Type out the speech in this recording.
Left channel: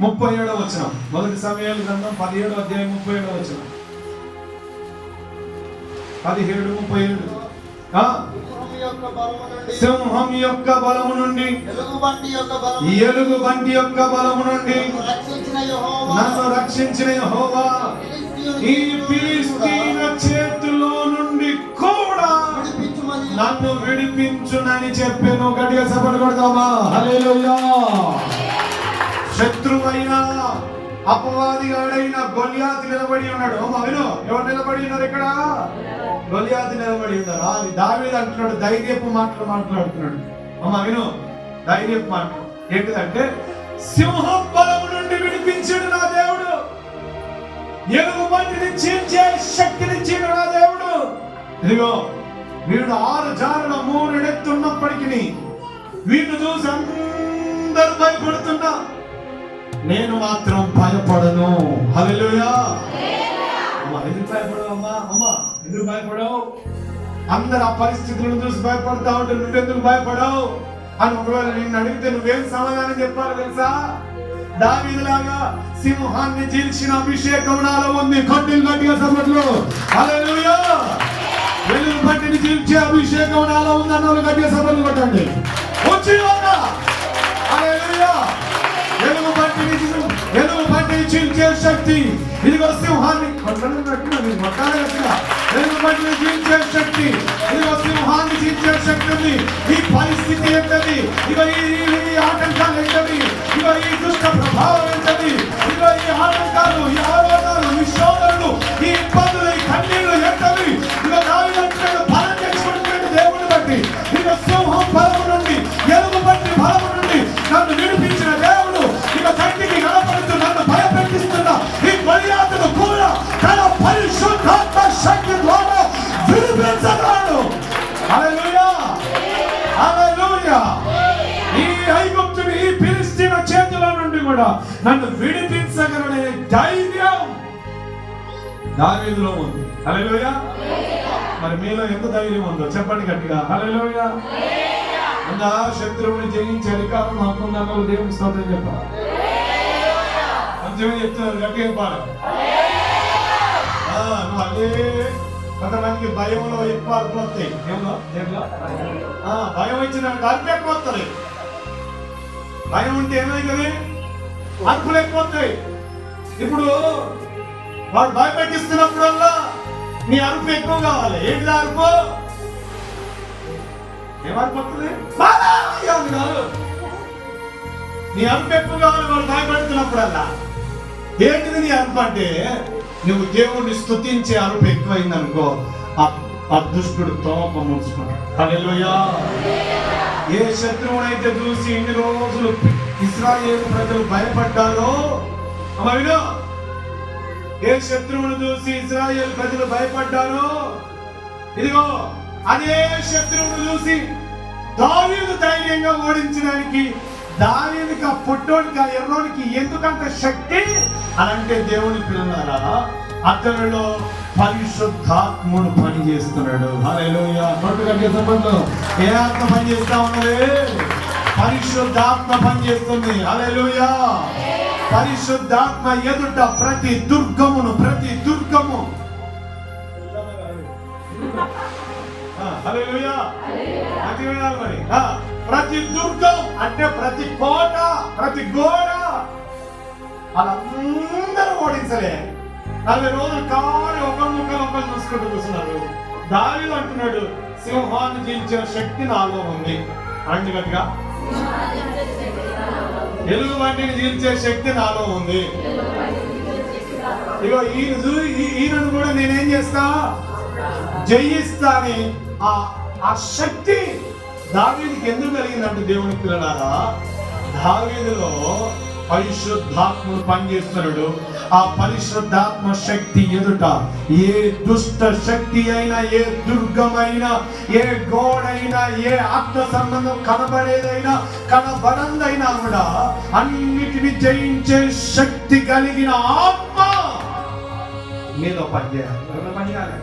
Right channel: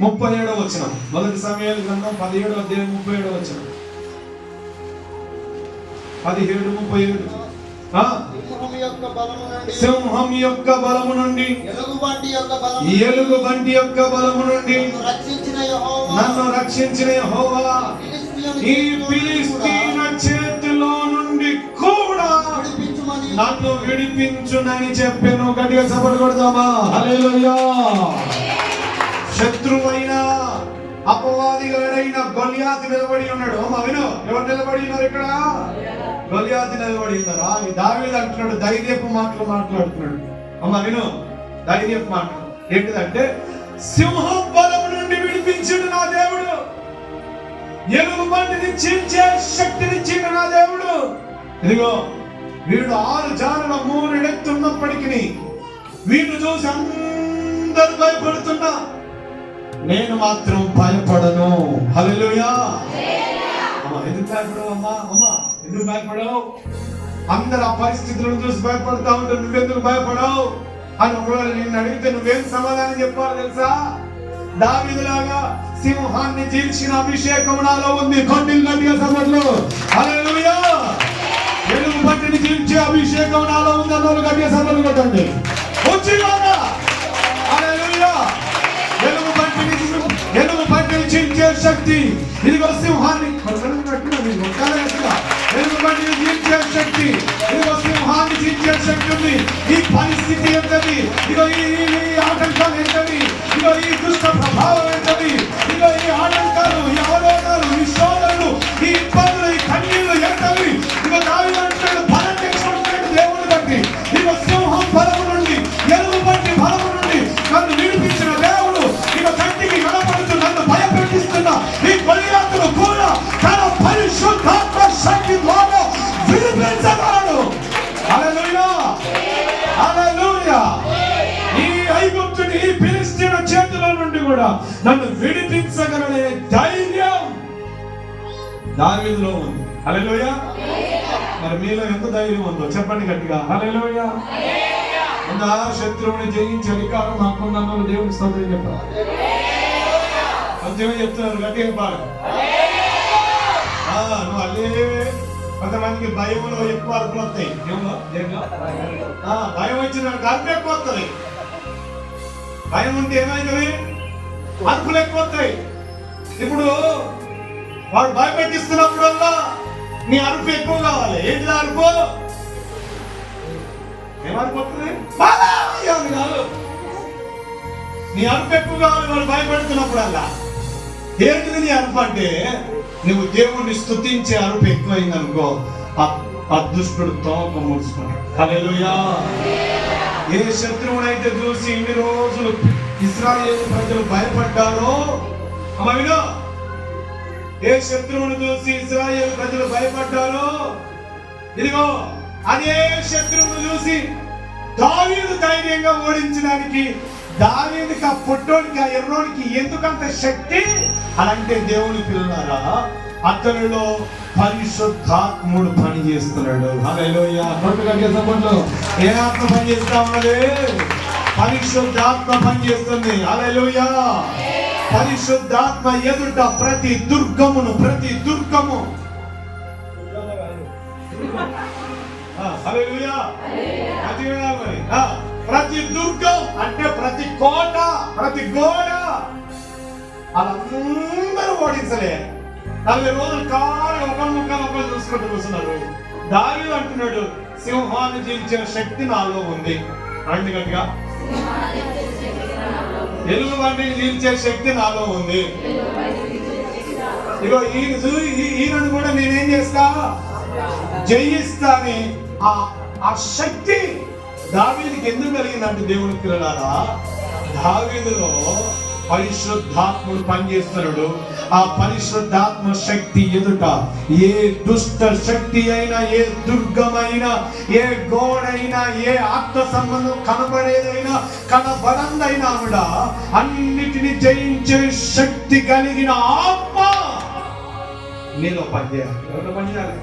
37వ వచనం. మొదటి సమూయేలు గ్రంథం 17వ అధ్యాయం 37వ వచనం. 17:37. సింహం యొక్క బలము నుండి, ఎలుగుబంటి యొక్క బలము నుండి నన్ను రక్షించిన యెహోవా ఈ ఫిలిష్తీయుల చేతిలో నుండి కూడా నన్ను విడిపించునని చెప్పాను. గట్టిగా చప్పట్లు కొడదామా? హల్లెలూయా. శత్రువైన అపవాదిగాడైన గొలియాతు నిలబడి ఉన్నాడు. విను, ఎవరు నిలబడి ఉన్నారు ఇక్కడ? గొలియాతు నిలబడి ఉన్నారు. దావీదు అంటున్నాడు, ధైర్యపు మాటలు మాట్లాడుతున్నాడు. విను, ధైర్యపు మాటలు ఏంటిదంటే, సింహం బలము నుండి విడిపించిన నా దేవుడు, ఎలుగుబంటిని చీల్చే శక్తినిచ్చిన నా దేవుడు. ఇదిగో వీడు 6 జారుల 3 ఎత్తున్నప్పటికీ వీడు చూసి అందరూ భయపడుతున్నా, నేను మాత్రం భయపడను. హల్లెలూయా. ఎందుకు భయపడవు అమ్మా? ఎందుకు భయపడవు? అందరు ఆ పరిస్థితులను చూసి భయపడతా ఉంటే నువ్వెందుకు భయపడవు అని ఒకవేళ నిన్ను అడిగితే నువ్వేం సమాధానం చెప్పాలి తెలుసా? దావీదులాగా సింహాన్ని చీల్చిన అభిషేకం నాలో ఉంది. గట్టిగా చప్పట్లు. హల్లెలూయా. ఎలుగుబంటిని చీల్చే అభిషేకం నాలో ఉంది అన్నోళ్ళు గట్టిగా చప్పట్లు కొట్టండి. హల్లెలూయా. ఎలుగుబంటిని చీల్చే శక్తి, ఇదిగో సింహాన్ని ఎలుగుబంటిని చీల్చే శక్తి, ఇదిగో సింహాన్ని చీల్చే శక్తి ఉంది. ఈ పరిస్థితి ఏంటది? ఇదిగో ఈ ఆటంకాలు ఏంటది? ఇదిగో ఈ దుష్ట ప్రభావం ఏంటది? ఇదిగో ఈ ఆటంకాలు, ఈ ఆరోగ్యాలు, ఈ శోధనలు, ఈ ఇబ్బందులు, ఈ కన్నీళ్లు ఏంటవి? ఇదిగో దావీదు బలం తెచ్చినటువంటి దేవుని బట్టి, ఇదిగో సింహం బలము నుండి, ఎలుగుబంటి బలము నుండి నన్ను విడిపించిన దేవుడు, ఇక కంటికి కనపడుతూ నన్ను భయపెట్టిస్తున్న ఈ గొలియాతును కూడా తన పరిశుద్ధాత్మ శక్తి ద్వారా విడిపించగలడు. హల్లెలూయా. హల్లెలూయా. ఈ ఐగుప్తుని, ఈ ఫిలిష్తీయుల చేతుల నుండి కూడా నన్ను విడిపించగలనే ధైర్యం దావీదులో ఉంది. హల్లెలూయా. మరి మీలో ఎంత ధైర్యం ఉందో చెప్పండి గట్టిగా. హల్లెలూయా. ఉందా? శత్రువుని జయించే అధికారం నాకున్న దేవుని స్తోత్రం చెప్పాలి. కొంచెమే చెప్తున్నారు, గట్టిగా పాడు. నువ్వు అల్లే కొంతమందికి భయంలో ఎక్కువ అరుపులు వస్తాయి. దేవులో భయం వచ్చిన అరుపులు ఎక్కువ వస్తుంది. భయం ఉంటే ఏమైతుంది? అరుపులు ఎక్కువ వస్తాయి. ఇప్పుడు వాడు భయపెట్టిస్తున్నప్పుడల్లా నీ అరుపు ఎక్కువ కావాలి. ఏంటి అరుపు? ఏమనుకుంటుంది? నీ అరుపు ఎక్కువ కావాలి వాడు భయపెడుతున్నప్పుడల్లా. ఏంటిది నీ అరుపు అంటే? నువ్వు దేవుణ్ణి స్తుతించే అరుపు ఎక్కువైంది అనుకో, ఆ దుష్టుడు తోక ముడుచుకుంటాడు. హల్లెలూయా. ఏ శత్రువునైతే చూసి ఇన్ని రోజులు ఇశ్రాయేలు ప్రజలు భయపడ్డారో, వినో, ఏ శత్రువును చూసి ఇశ్రాయేలు ప్రజలు భయపడ్డారో, ఇదిగో అదే శత్రువును చూసి దావీదు ధైర్యంగా ఓడించడానికి, దావీదుకి ఆ పుట్టోడికి, ఆ ఎర్రోడికి ఎందుకంత శక్తి అలాంటి దేవుని పిల్లలారా, అతనిలో పరిశుద్ధాత్ముడు పని చేస్తున్నాడు. హల్లెలూయా. ఏ ఆత్మ పని చేస్తా ఉన్నది? పరిశుద్ధాత్మ పని చేస్తుంది. హల్లెలూయా. పరిశుద్ధాత్మ ఎదుట ప్రతి దుర్గము హల్లెలూయా. మరి ప్రతి దుర్గం అంటే ప్రతి కోట, ప్రతి గోడ వాళ్ళందరూ ఓడించలే. 40 రోజులు కాలి ఒకరు చూసుకుంటూ కూర్చున్నారు. దావీదు అంటున్నాడు, సింహాన్ని చీల్చే శక్తి నాలో ఉంది. అంటే గట్టిగా, ఎలుగుబంటిని చీల్చే శక్తి నాలో ఉంది. ఇగో ఈయనను కూడా నేనేం చేస్తా? జయిస్తా అని ఆ శక్తి దావీదుకి ఎందుకు కలిగిందంటే, దేవుని పిల్లలారా, దావీదులో పరిశుద్ధాత్ముడు పనిచేస్తున్నాడు. ఆ పరిశుద్ధాత్మ శక్తి ఎదుట ఏ దుష్ట శక్తి అయినా, ఏ దుర్గమైనా, ఏ గోడైనా, ఏ ఆత్మ సంబంధం కనబడేదైనా కనబడందైనా కూడా అన్నిటిని జయించే శక్తి కలిగిన ఆత్మ నీలో పనిచేయాలి. ఎవరో పనిచేయాలి.